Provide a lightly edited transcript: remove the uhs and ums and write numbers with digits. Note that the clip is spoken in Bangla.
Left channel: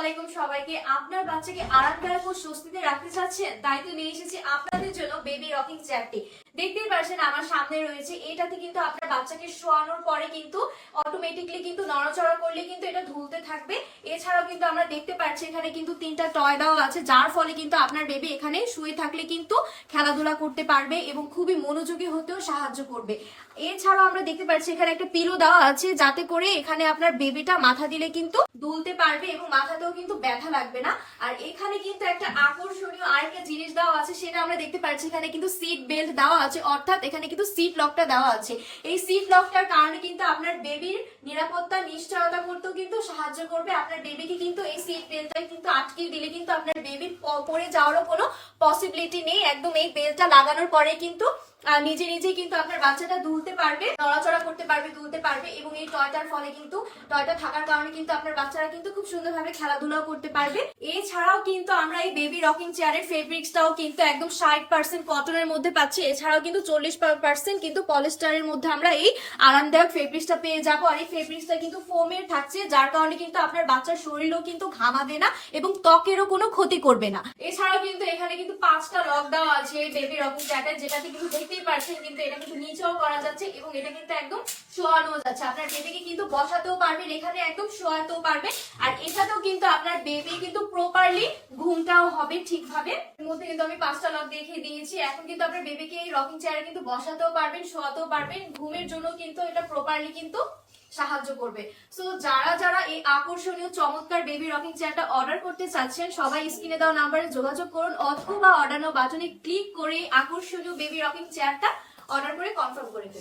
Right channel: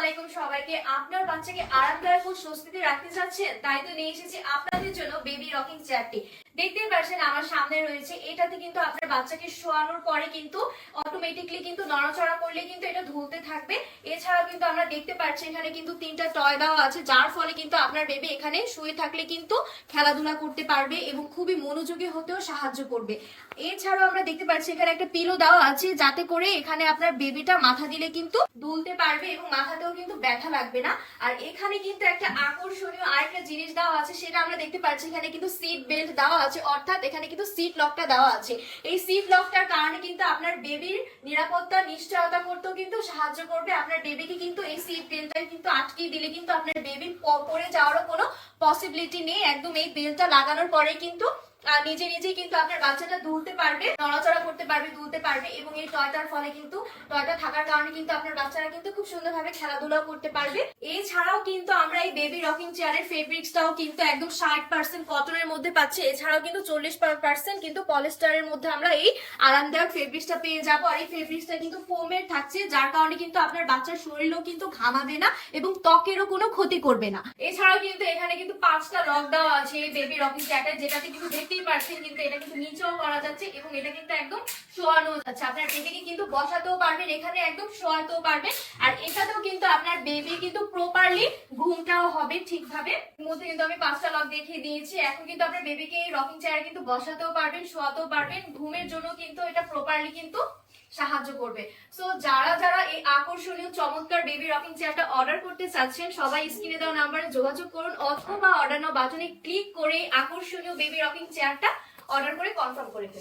আলাইকুম সবাইকে। আপনার বাচ্চাকে আরামদায়ক ও স্বস্তিতে রাখতে চাচ্ছেন, তাই তো নিয়ে এসেছি আপনাদের জন্য বেবি রকিং চেয়ারটি। দেখতেই পাচ্ছেন আমার সামনে রয়েছে। এটাতে কিন্তু আপনার বাচ্চাকে শোয়ানোর পরে কিন্তু অটোমেটিকলি কিন্তু নড়াচড়া করলে কিন্তু এটা ঝুলতে থাকবে। এছাড়াও কিন্তু আমরা দেখতে পাচ্ছি এখানে কিন্তু 3টা টয় দেওয়া আছে, যার ফলে কিন্তু আপনার বেবি এখানে শুয়ে থাকলে কিন্তু খেলাধুলা করতে পারবে এবং খুবই মনোযোগী হতেও সাহায্য করবে। এছাড়াও আমরা দেখতে পাচ্ছি এখানে একটা পিলো দেওয়া আছে, যাতে করে এখানে আপনার বেবিটা মাথা দিলে কিন্তু দুলতে পারবে এবং মাথাতেও কিন্তু ব্যথা লাগবে না। আর এখানে কিন্তু একটা আকর্ষণীয় আরেকটা জিনিস দেওয়া আছে, সেটা আমরা দেখতে পাচ্ছি এখানে কিন্তু সিট বেল্ট দেওয়া আছে, অর্থাৎ এখানে কিন্তু সিট লকটা দেওয়া আছে। এই সিট লকটার কারণে কিন্তু আপনার বেবির নিরাপত্তা নিশ্চয়তা করতেও কিন্তু সাহায্য করবে। আপনার বেবিকে কিন্তু এই সিট বেল্টটা কিন্তু আটকে দিলে কিন্তু আপনার বেবি পড়ে যাওয়ারও কোনো পসিবিলিটি নেই। একদম এই বেল্টটা লাগানোর পরে কিন্তু নিজে নিজেই কিন্তু আপনার বাচ্চাটা দুলতে পারবে, নড়াচড়া করতে পারবে, দুলতে পারবে। এবং এই টয়টার ফলে কিন্তু টয়টা থাকার কারণে কিন্তু আপনার বাচ্চারা কিন্তু খুব সুন্দরভাবে খেলাধুলা করতে পারবে। এছাড়াও কিন্তু আমরা এই বেবি রকিং চেয়ারের ফেব্রিক্সটাও কিন্তু একদম 60% কটনের মধ্যে পাচ্ছি। এছাড়াও কিন্তু 40% কিন্তু পলিস্টারের মধ্যে আমরা এই আরামদায়ক ফেব্রিক্সটা পেয়ে যাবো। আর এই ফেব্রিক্সটা কিন্তু ফোমের থাকছে, যার কারণে কিন্তু আপনার বাচ্চার শরীরেও কিন্তু ঘামাবে না এবং ত্বকেরও কোনো ক্ষতি করবে না। এছাড়াও কিন্তু এখানে কিন্তু 5টা লক দেওয়া আছে এই বেবি রকিং চেয়ারটা, যেটাতে কিন্তু দেখতেই পাচ্ছেন কিন্তু এটা কিন্তু নিচেও করা যাচ্ছে এবং এটা কিন্তু একদম শোয়ানো যাচ্ছে। আপনার বেবিকে কিন্তু বসাতেও পারবেন, এখানে একদম শোয়াতেও পারবেন। আর এটাতেও কিন্তু আপনার বেবি কিন্তু প্রপারলি ঘুমটাও হবে ঠিকভাবে। এর মধ্যে কিন্তু আমি 5টা লক দেখিয়ে দিয়েছি। এখন কিন্তু আপনার বেবিকে এই রকিং চেয়ারে কিন্তু বসাতেও পারবেন, শোয়াতেও পারবেন। ঘুমের জন্য কিন্তু এটা প্রপারলি কিন্তু সাহায্য করবে। সো যারা যারা এই আকর্ষণীয় চমৎকার বেবি রকিং চেয়ারটা অর্ডার করতে চাচ্ছেন, সবাই স্ক্রিনে দেওয়া নাম্বারে যোগাযোগ করুন অথবা অর্ডার নাও বাটনে ক্লিক করে আকর্ষণীয় বেবি রকিং চেয়ারটা অর্ডার করে কনফার্ম করে দিন।